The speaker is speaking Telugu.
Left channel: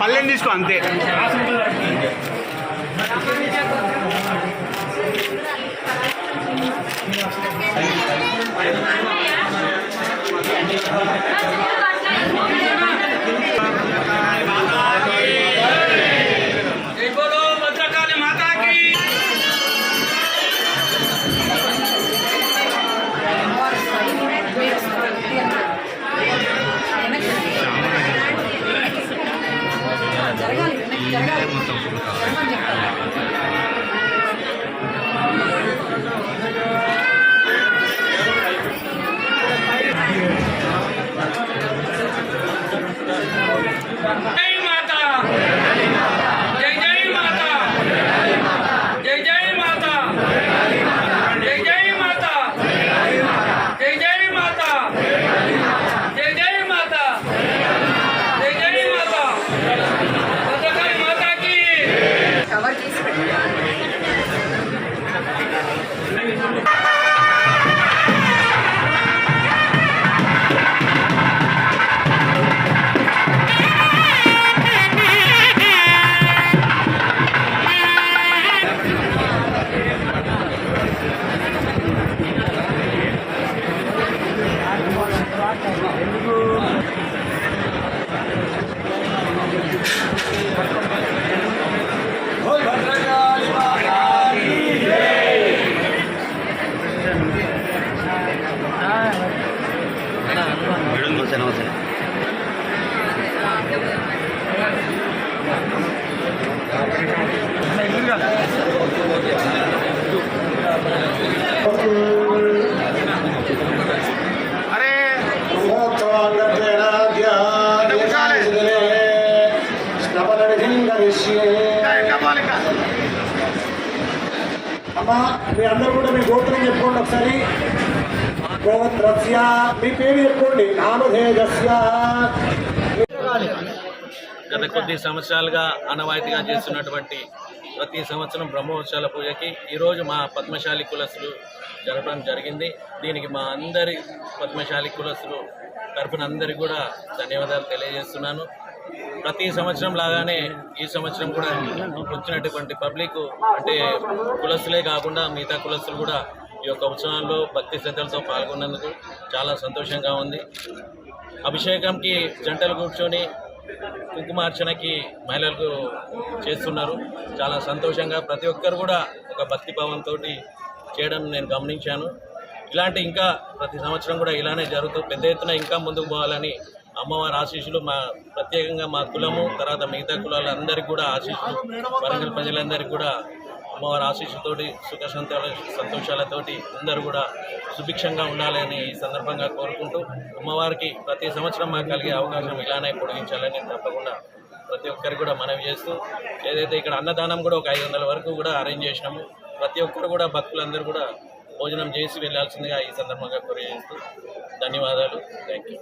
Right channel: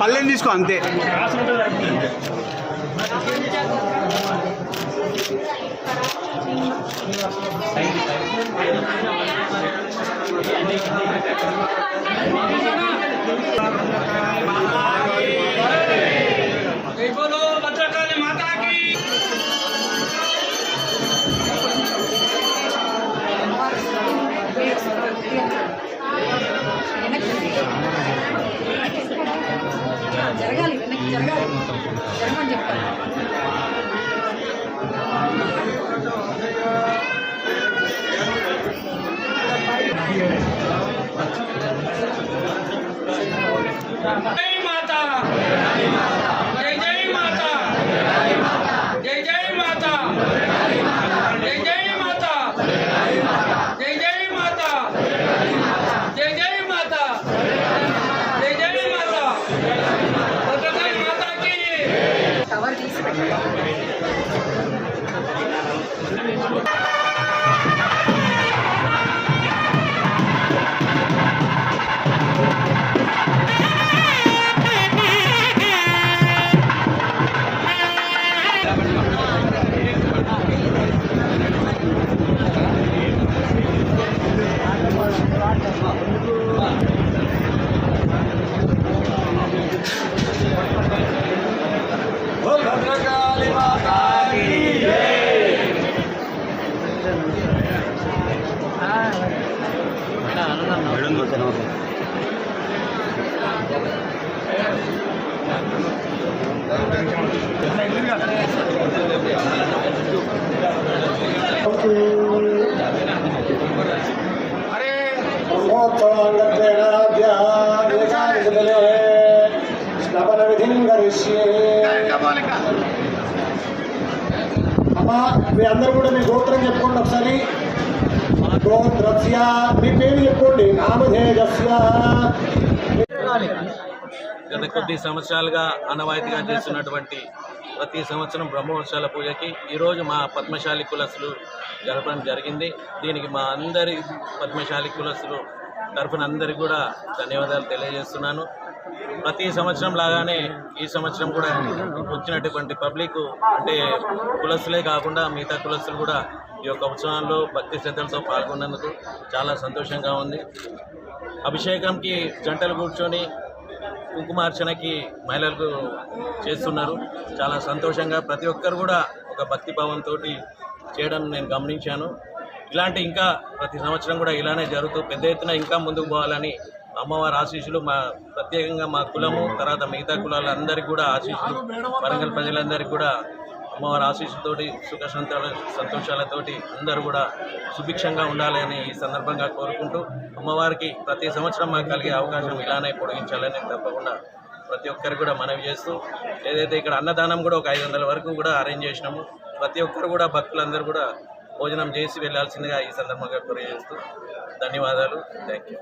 పల్లెని తీసుకో అంతే. जय नमस्ते नमस्ते अरे वो तो अंगते ना ध्यान इसलिए स्नापन विधिंग ऋषि అమ్మా మీ అందరూ కూడా మీ గోత్రం చెప్పుకోండి ఒకసారి. గోత్రస్య మీ పేరు చెప్పుకోండి. నామధేయస్య. గత కొద్ది సంవత్సరాలుగా ఆనవాయితీగా చేస్తున్నటువంటి ప్రతి సంవత్సరం బ్రహ్మోత్సవాల పూజకి ఈరోజు మా పద్మశాలి కులసులు జరపడం జరిగింది. దీనికి మా అందరి పద్మశాలి కులసులు తరఫున అందరికీ కూడా ధన్యవాదాలు తెలియజేస్తున్నాను. ప్రతి సంవత్సరం లాగానే ఈ సంవత్సరం కూడా వచ్చినటువంటి పబ్లిక్ అంటే కులస్తులే కాకుండా మిగతా కులస్తులు కూడా ఈ యొక్క ఉత్సవాల్లో భక్తి శ్రద్ధలతో పాల్గొన్నందుకు చాలా సంతోషంగా ఉంది. అభిషేకంకి జంటలు కూర్చొని కుంకుమార్చనకి మహిళలకు చేస్తున్నారు. చాలా సంతోషంగా ప్రతి ఒక్కరు కూడా ఒక భక్తి భావంతో చేయడం నేను గమనించాను. ఇలాంటి ఇంకా ప్రతి సంవత్సరం కూడా ఇలానే జరుగుతూ పెద్ద ఎత్తున ఇంకా ముందుకు పోవాలని అమ్మవారి ఆశీస్సులు మా ప్రత్యేకంగా మా కులము తర్వాత మిగతా కులాలందరికీ కూడా ఆశీస్సులు వరంగల్ ప్రజలందరికీ కూడా అమ్మవారి ఆశీస్సులతోటి సుఖ సంతోషాలతోటి అందరూ కూడా సుభిక్షంగా ఉండాలని ఈ సందర్భంగా కోరుకుంటూ అమ్మవారికి ప్రతి సంవత్సరం మాకు కలిగే అవకాశం ఇలానే పొడిగించాలని తప్పకుండా ప్రతి ఒక్కరు కూడా మనవి చేస్తూ ఏదైతే ఇక్కడ అన్నదానం కూడా ఒక ఐదు వందల వరకు కూడా అరేంజ్ చేసినాము. ప్రతి ఒక్కరు కూడా భక్తులందరూ కూడా భోజనం చేసి వెళ్ళాల్సిందిగా ఈ సందర్భంగా కొరియజేస్తూ చేస్తూ ధన్యవాదాలు. Thank you